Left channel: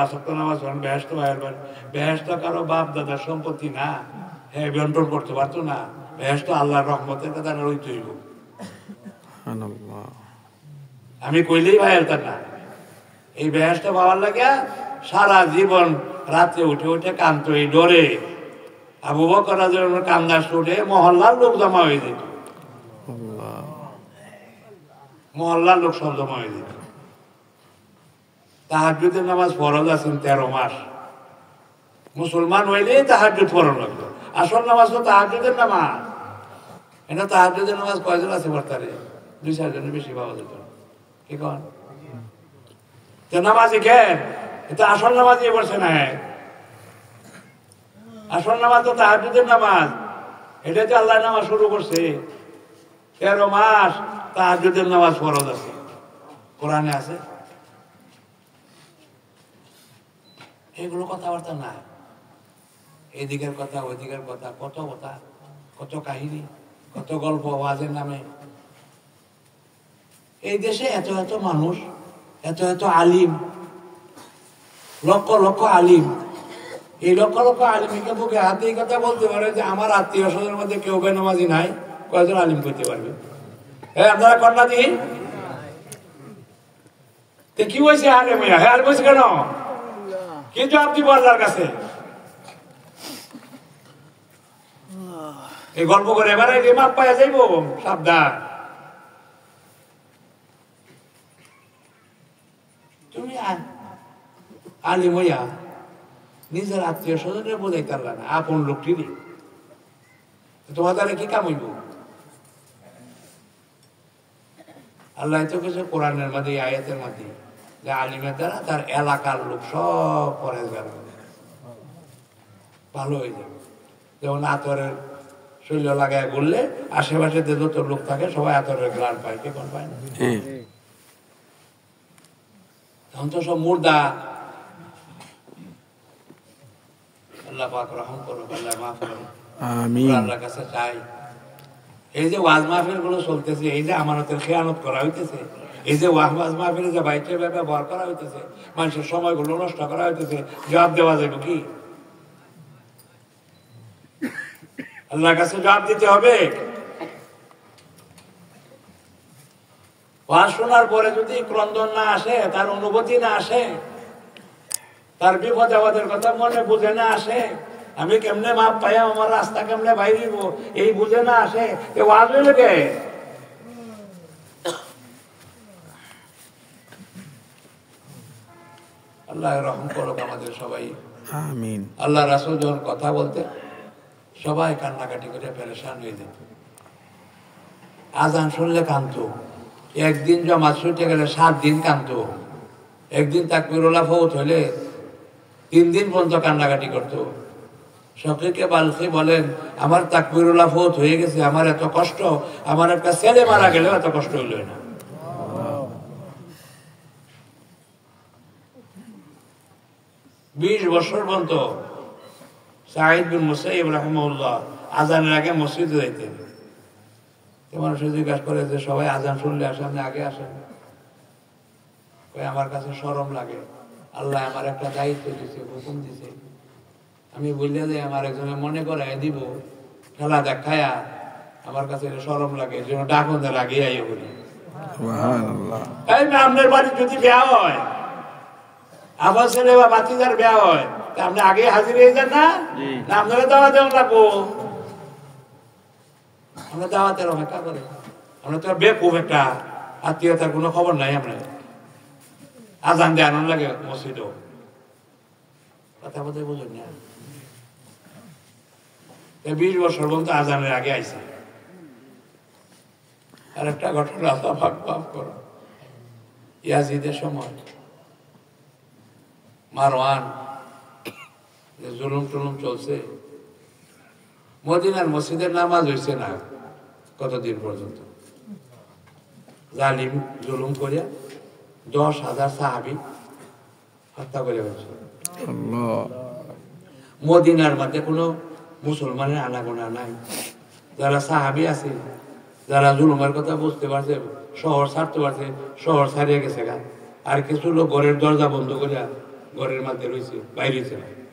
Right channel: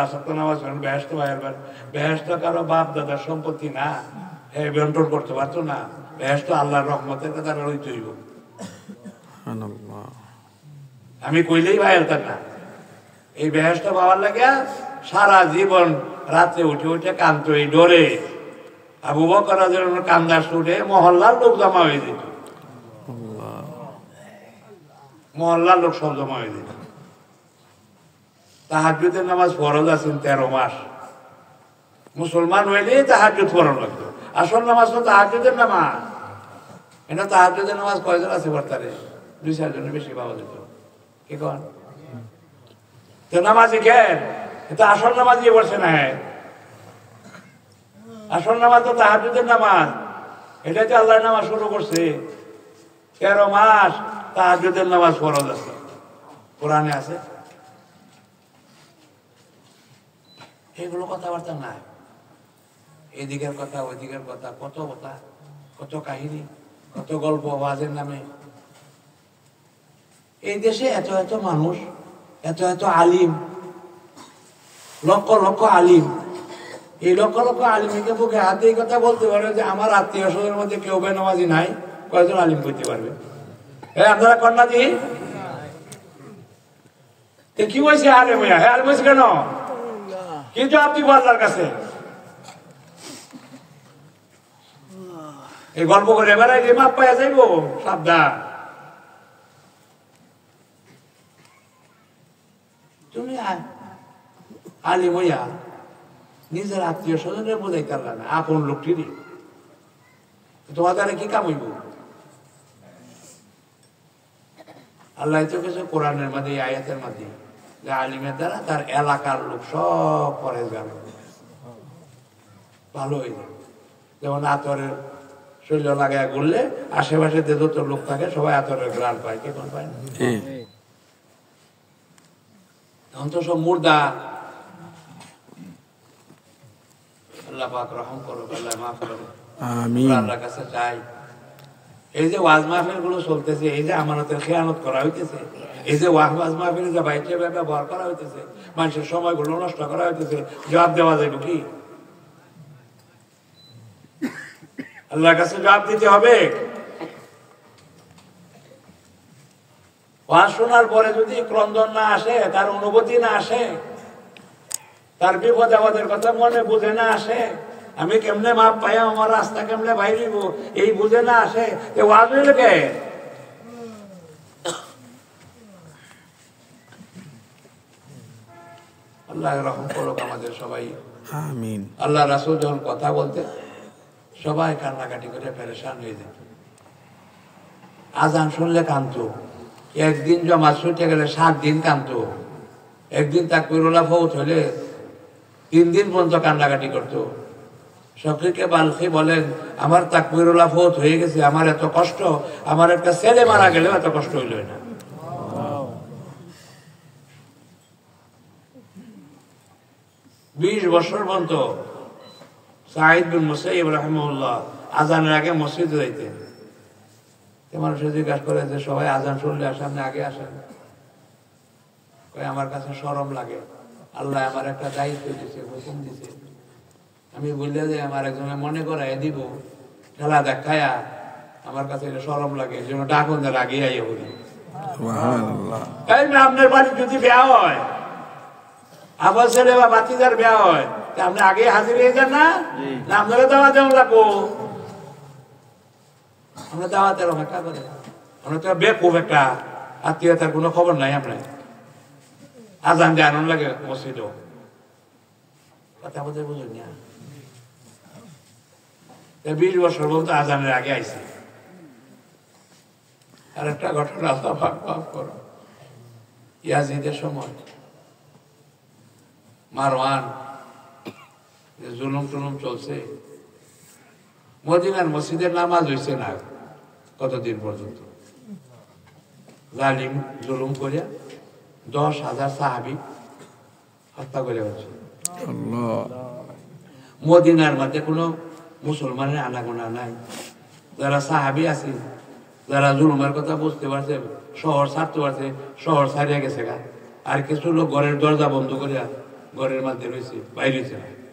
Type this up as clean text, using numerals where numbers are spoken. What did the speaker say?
নামাজ বেহেশত বেহেশত কারো বাপ দাদার সম্পত্তি না, হ্যাঁ বন্টন করতে পারতো না। বেহেশত আল্লাহর রহমতের কথা রইতে হইব। আমি কইলেই ভাই এলতাম না। এই বেহেশত পাওয়ার লাগে সারা জীবন রাত্রে উঠে উঠে কাঁদতো এই ডরে। আবু বকর রাদিয়াল্লাহু আনহু কান্দার উঠে মহল্লার লোক জমা হয়ে যেত, মহল্লার লোক সব জমা হয়ে যেত। তাহাজ্জুদের নামাজ ফরজ আছেন 13 মাস। মুসলমান হইলেই তাহাজ্জুদ পড়ানো লাগতো। আসল নামাজ তো তাহাজ্জুদের নামাজ। এটা তাহাজ্জুদের নামাজ কয়জন আছে বর্তারে? 2-4 জনের বেশি পাওয়া যেত। কি কন তো নামাজি কেন? এটা আসল নামাজই বলছে না। আসল নামাজ তো তাহাজ্জুদের নামাজ। এটাতে আল্লাহ নামাজ শুরু করছে। 13 মাস তাহাজ্জুদের নামাজ ফরজ আছে, কোরআনে আছে। এগুলো কথাবার্তা নাই। এদিকের কথা ওইদিকের কথা, কত কথা, কত কাহিনী, কত গল্প আওয়াজের নামে। এই দেশে এত এত মানুষ, এত এত আলিম, লক্ষ লক্ষ আলিম। এই লক্ষ লক্ষ আলিমকে বুকে হাতে এই কথা বলতে পারে যে আমার আত্মীয় স্বজনের মধ্যে কেউ বেনামাজি নাই, কয়জন আলিম করতে পারবে? হ্যাঁ আপনারা কন্যা দি কি বলছে? আরে ভাইয়া হ্যাঁ বলছে কেন? কিন্তু আপনি আল্লাহর কাছে এই গল্প করে এবারে যে মাপ পাইয়া যাইব, সাবধান। তুমি আলিম হইয়া নিজের আত্মীয় স্বজনের বোঝাইতে পারলা না, আপন লোকটিরই তোমার দ্বারা কি কাম হইব? আল্লাহ তো কিছু কোরআনের মধ্যে, আয়াতের মধ্যে যে আলিমের দ্বারা তার এলাকার লোক সব পরেজগার হবে, ভালো হয়ে যাবে। যেমন আতরের শরীর লাগায় ঘুরলে আশেপাশে যে যত লোক থাকে সবাই আতরের গ্রান পায়, কে কোন পায় না? এখন তো সব মুর্দা। আল্লাহ পাক রহম করো, আল্লাহ মাফ করো, আমিন। আল্লাহর কাছে চাই এই যে ওয়াজ মাহফিল গুলো চলতেছে, এই যে আমানতের খেয়ানত করা হইতেছে, এই যে ওয়াজ মাহফিলে যে বাইকে ব্যবহার করা হইতেছে, মানুষের সময়গুলো নষ্ট করা হইতেছে, জবাব দেওয়া যাবে কি? আল্লাহর কাছে জবাব দিতে হবে। ওয়াজ শোনার পরে যদি ক্রন্দন না আসে, তার অনুভূতি না আসে, তার বিপদ আমাদের কথা মনে বুঝে না আসে, আমি কেমনে মাপ পাই, আমার রাস্তা কেমনে বাইরে এই বুঝে না আসে, এ ওয়াজ হইলে কে? আল্লাহ রহম করুক আমাদের সবাই, আমিন। আল্লাহ রাসূল যখন কথা বলতে সবাই কান্নাকাটি করে পেরেশান হয়ে যেত। আজান শুনলে কাঁদতো, একদিন জমা ছুটে গেলে 7 দিন কাঁদতো, একদিন তাকবীরুল্লাহ ফৌত হইলে 3 দিন পর্যন্ত কান্নাকাটি করতো। শফিকে বালখি বলেন, আমার তাকবীরুল্লাহ ফৌত হয়ে গেছে, আমার এত কষ্ট, আমার একটা ছেলে মারা গেলেও এত কষ্ট হইল না। বিশ বছর পর্যন্ত সাঈদ বিন মুসাইয়্যিব রাহিমাহুল্লাহ আজানের আগে মসজিদে যাইতেন। মানুষে জিজ্ঞাসা করে যে সবাই আজান শুনলে সামনে আগে আসেন, আমার কাছে শরম লাগে, আল্লাহ আমার একটা দায়িত্ব দিছে, হুকুম দিছে, আমি বললে যে আমার একজনে মনে করাই দিব, খেলা দেখায়া আমার কাছে শরম লাগে, এই জন্য ডাকুনদের আগে আইয়া বলি। আপনার বাড়ি যদি বিয়া হয়, আবার ছেলে বা বাচ্চাদের বিয়া হয়, আপনি আগে হাজির হয়ে যান না? আপনারা দাওয়াত দেওয়া লাগবো। আমরা দাওয়াতের অপেক্ষা করে, আমরা তো বেকুব একটা, আত্মীয়তার কোনো খবর নাই। আপনার আজান দিয়ে আনন্দ লাগে মসজিদও, কথা বলতে বুঝুন না। 20 বছর পর্যন্ত আজানের আগে আইছে। আর একটা ঘটনা করো, ইয়াজিদের সময় মারওয়ান জুলুম টুলুম চলছে, মদিনার মসজিদের নামাজ হইছে না কতদিন পর্যন্ত। জালিম জুলুম করে 10,000 সাহাবী হত্যা করে বলছে। মদিনার মধ্যে কোনো মুসলমানের আনাগোনা নাই। যারা সাহাবী আছে, যারা জুলুমের কথা বুঝতে পারছে, শহর ছাড়তে পারছে, শহর ছাড়িয়ে গেছে গা। আর কিছু লোক ঘরের দরজা বন্ধ করিয়া ঘরের মধ্যে রয়েছে, বাইরে হয়েছে না।